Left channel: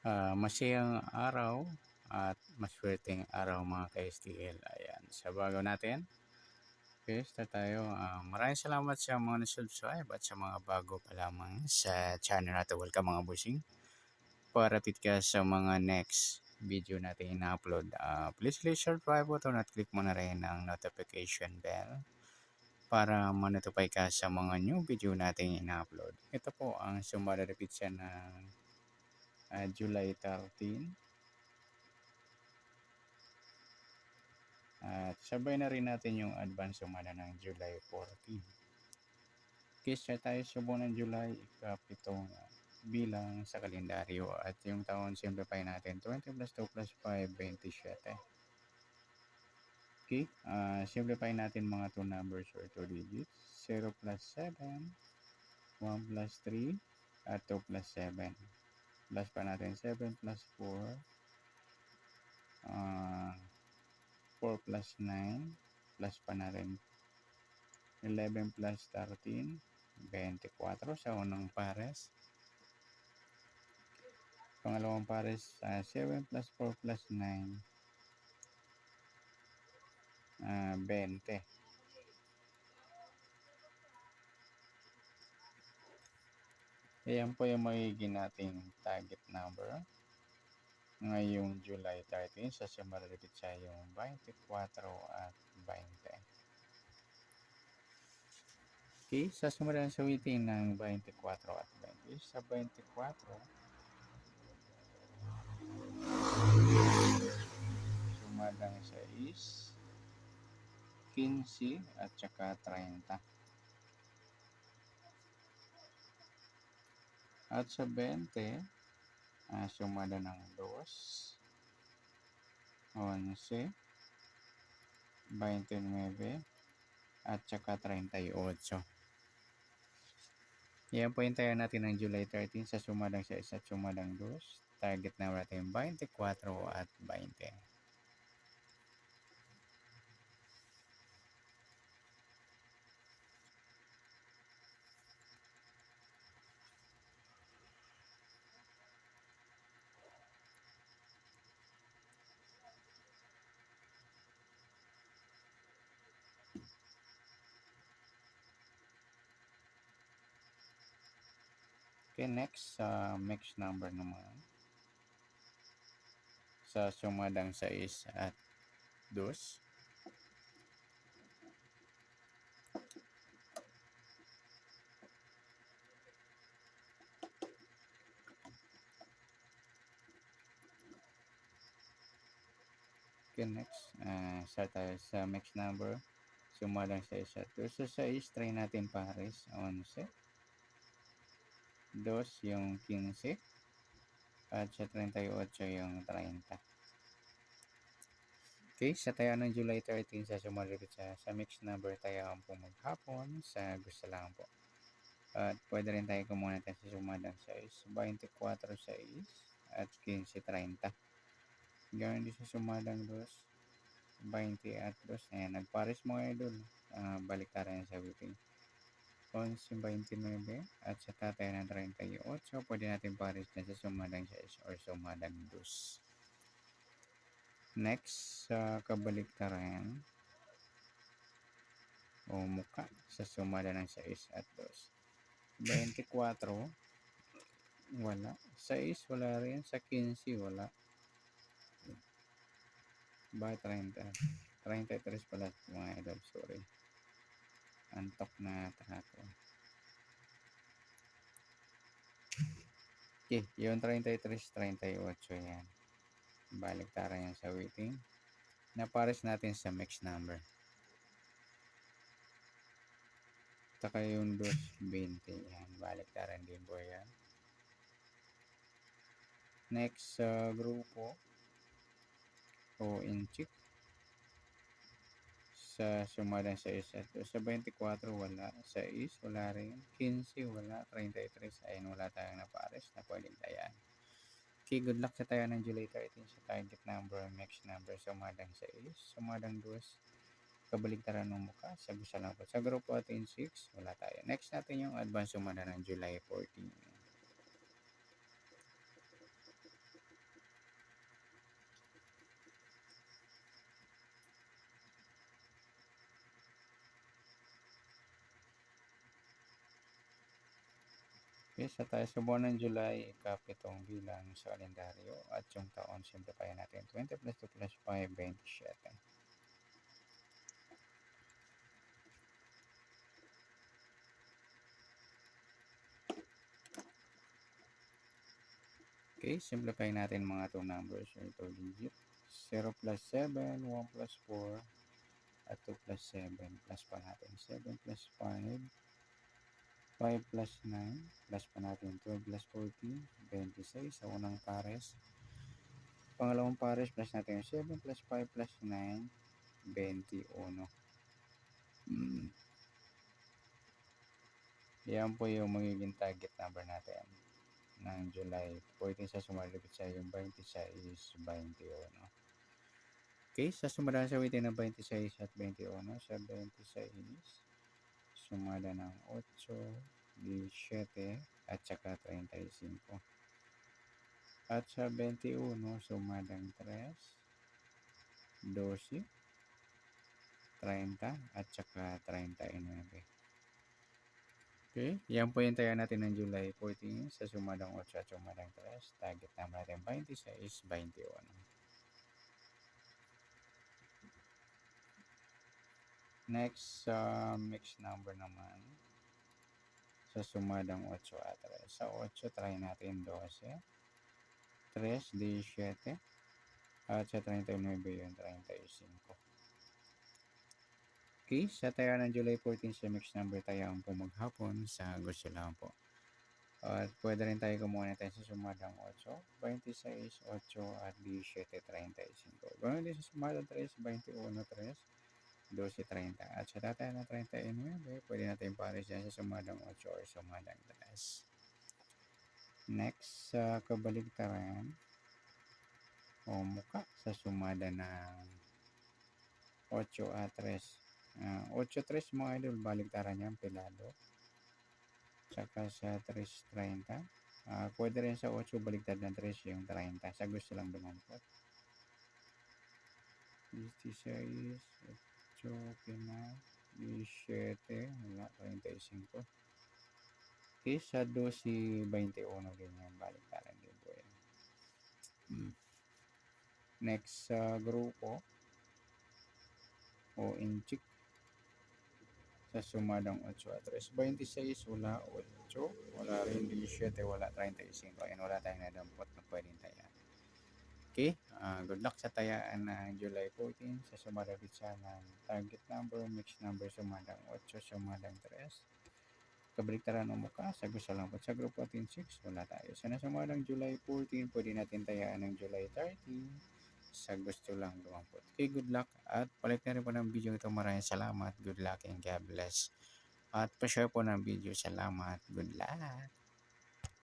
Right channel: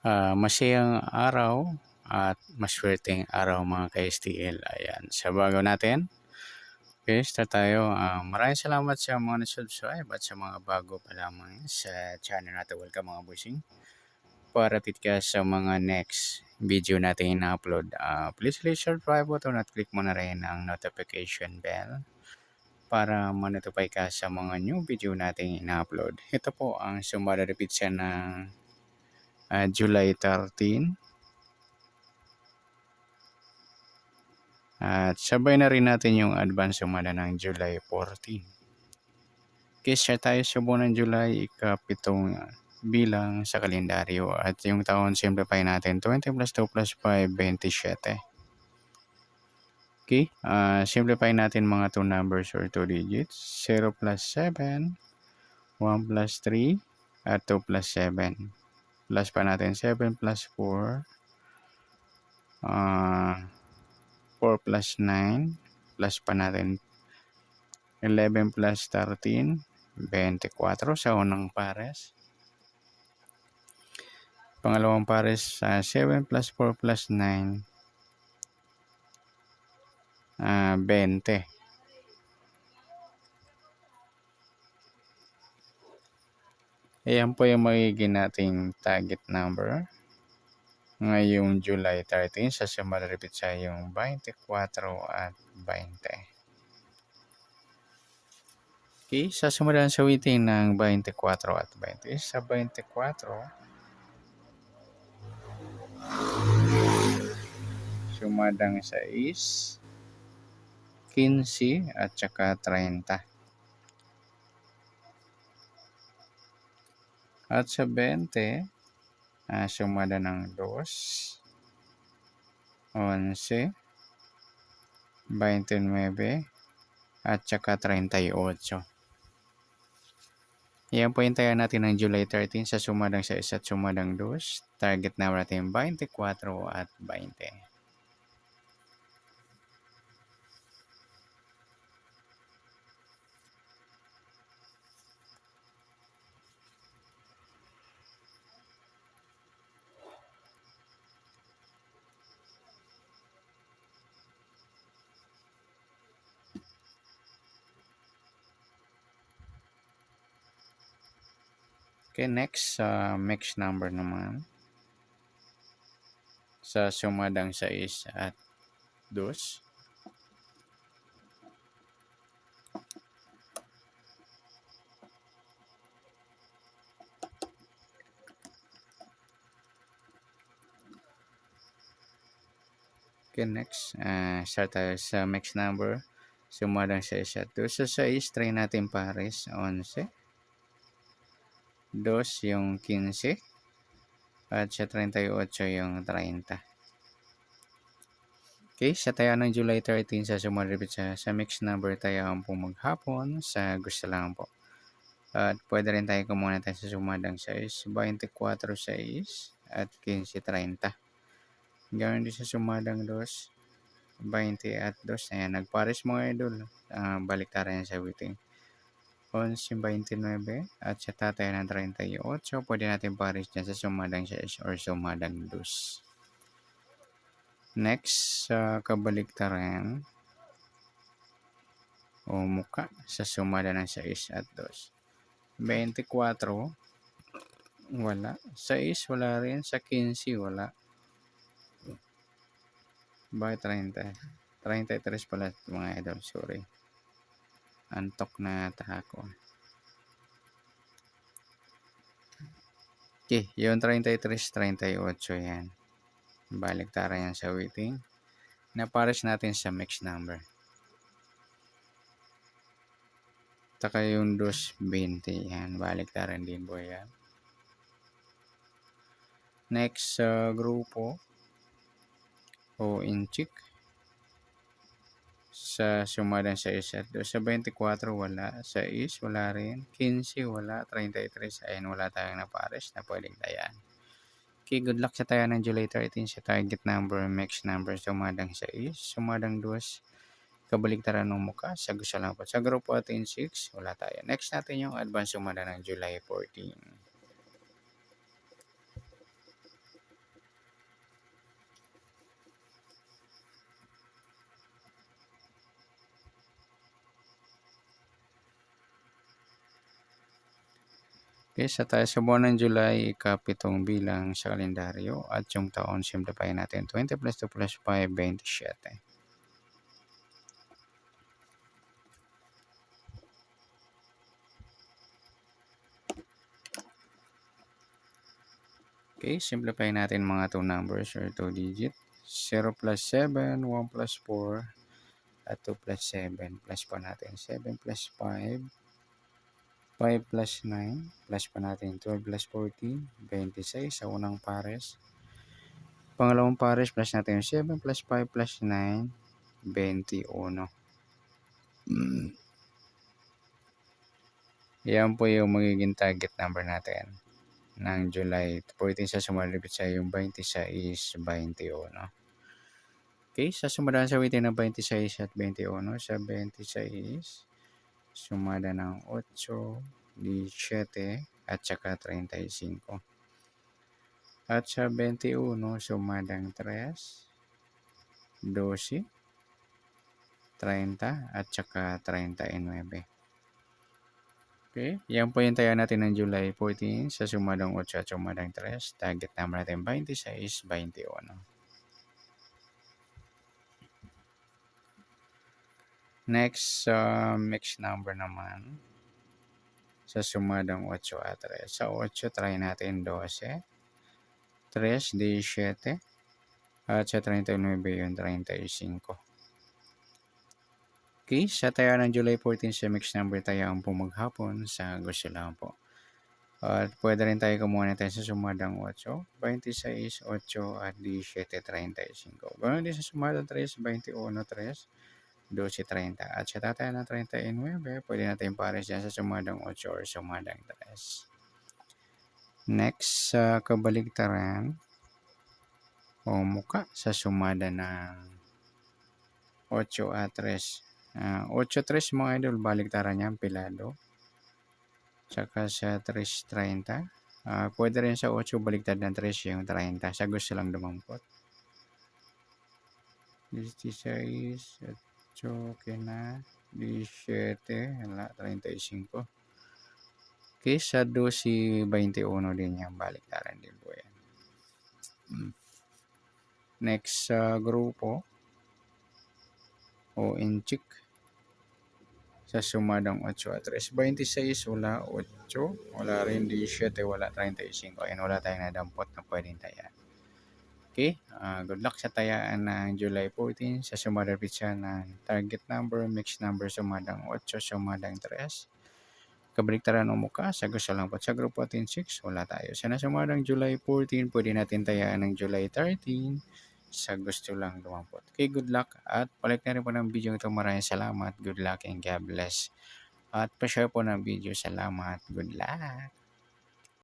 Masayang araw at maswerteng araw mga ka-STL. Ayan, sa bago natin. Okay, start tayo. Maraming salamat sa mga na-subscribe at sa mga bago pa lamang sa channel natin. Welcome mga busing. Paratit ka sa mga next video natin ina-upload. Please click subscribe button at click mo na rin ang notification bell para ma-notify ka sa mga new video natin ina-upload. Ito po ang sumararepit siya ng July 13. At sabay na rin natin yung advance sumada ng July 14. Kesa tayo sa buwan ng July, ikapitong bilang sa kalendaryo. At yung taon, simplify natin. 20 plus 2 plus 5, 27. Okay, simplify natin mga 2 numbers or 2 digits. 0 plus 7, 1 plus 3, at 2 plus 7. Plus pa natin 7 plus 4, 4 plus 9, plus pa natin 11 plus 13, 24 sa unang pares. Pangalawang pares, 7 plus 4 plus 9, 20. Ayan po yung magiging nating target number ngayong July 13 sa sumaripit sa yung 24 at 20. Okay, sa sumunod sa waiting ng 24 at 20. Sa 24, sumadang 6, 15 at saka 30. At sa 20, sumada ng 2, 11, 29 at saka 38. Yan po yung tayo natin ng July 13 sa sumadang 6 at sumadang 2. Target na natin 24 at 20. Okay, next, mix number naman. Sa sumadang 6 at 2. Okay, next, start tayo sa mix number. Sumadang 6 at 2. Sa 6, try natin pares. 11. 2 yung 15. At sa 38 yung 30. Okay, sa tayo ng July 13 sa sumaripit sa mix number tayo ang po maghapon sa gusto lang po. At pwede rin tayo kumuna tayo sa sumadang 6, 24, 6 at 15, 30. Gawin din sa sumadang 2, 20 at 2. Ayan, nagpares mga idol. Balik tayo yan sa waiting. 11, 29 at sa tatay ng 38. Pwede natin pares dyan sa sumadang 6 or sumadang 2. Next, sa kabaliktaran o muka sa sumada ng 6 at 2. 24, wala. 6, wala rin. Sa 15, wala. Bakit 30? 33 pala mga idol, sorry. Antok na ako. Okay, yung 33, 38 yan. Balik tara yan sa waiting. Napares natin sa mix number. Taka yung 220 yan. Balik tara din po yan. Next grupo o inchik. Sa sumadang 6 at 2. Sa 24, wala. 6, wala rin. 15, wala. 33, ayan, wala tayong napares na pwedeng tayan. Okay, good luck sa tayo ng July 13 sa target number, mix number. Sumadang 6, sumadang 2, kabaligtaran ng muka. Sa gusto lang po. Sa grupo atin 6, wala tayo. Next natin yung advance sumada ng July 14. Okay, sa tayo sa buwan ng July, ikapitong bilang sa kalendaryo at yung taon simplify natin 20 plus 2 plus 5, 27. Okay, simplify natin mga 2 numbers or 2 digit. 0 plus 7, 1 plus 4, at 2 plus 7. Plus pa natin 7 plus 5, 5 plus 9, plus pa natin 12 plus 14, 26 sa unang pares. Pangalawang pares plus natin yung 7 plus 5 plus 9, 21. Yan po yung magiging target number natin ng July. Pwede sa sumalipit sa yung 26, 21. Okay, sa sumadaan sa witin ng 26 at 21, sa 26, sumada ng 8, 17, at saka 35. At sa 21, sumadang 3, 12, 30, at saka 39. Okay, yan po yung tayo natin ng July 14 sa sumadang 8 at sumadang 3. Target number natin 26, 21. Next, mixed number naman sa sumadang 8 at 3. Sa 8, try natin 12, 3, 17, at sa 39 yung 35. Okay, sa tayo ng July 14 sa mixed number tayo ang pumaghapon sa gusto lang po. At pwede rin tayo kumuha na tayo sa sumadang 8, 26, 8, at 17, 35. Ganoon din sa sumadang 3, 21, 3, 12, 30. At sa tatay ng 39, pwede natin pares dyan sa sumadang 8 or sumadang 3. Next, sa kabaligtaran o muka sa sumada ng 8 at 3. 8, 3 mga idol, baligtaran niyan, pilado. Saka sa 3, 30. Pwede rin sa 8 baligtad ng 3 yung 30. Sa gusto lang dumampot. 16, 8, okay na. 17, wala, 35. Okay, sa 12, 21 din yan, baligtaran din po yan. Next sa grupo o inchik sa sumadang 8 at 3. 26, wala 8, wala rin 17, wala 35. Ayan, wala tayong nadampot na pwedeng tayaan. Okay, good luck sa tayaan ng July 14 sa sumadang pitsa ng target number, mixed number sumadang 8, sumadang 3. Kabaliktaran o muka, sa gusto lang po. Sa grupo 6, wala tayo. Sa nasumadang July 14, pwede natin tayaan ng July 13 sa gusto lang dumampot. Okay, good luck at palik na rin po ng video ito. Maraming salamat. Good luck and God bless. At pa-share po ng video. Salamat. Good luck.